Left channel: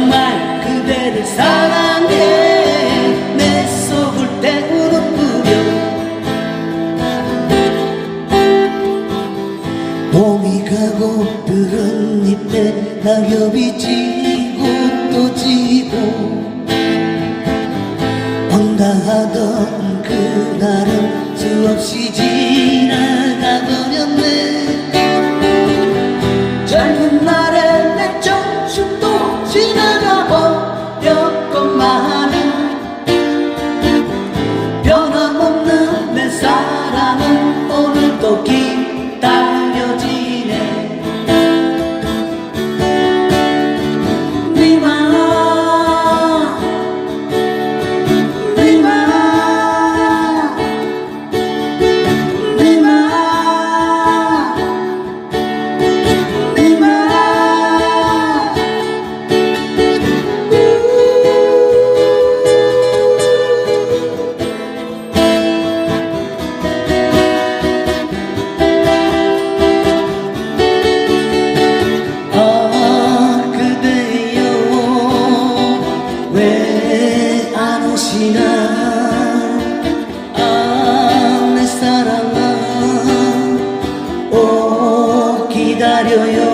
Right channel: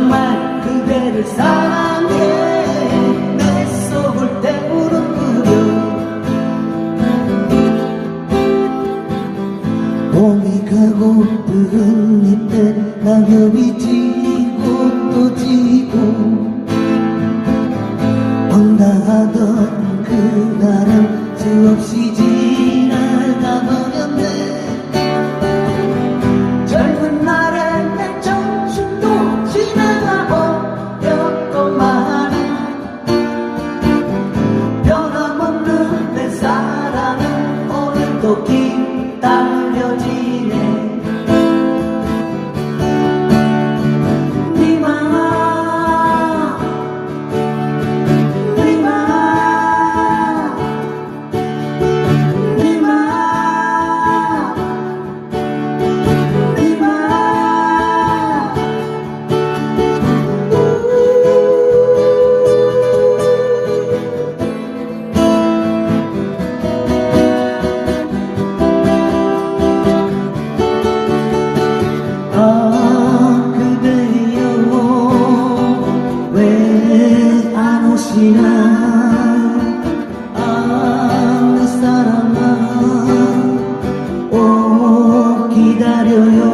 정말 그대를 사랑해. 내 속을 때우는구려 봄이 가고 뜨은 잎에 낙엽이 지고 또 지고 황당하던 그날은 수없이 지 지나. 아, 내 사랑아. 오 기다려요.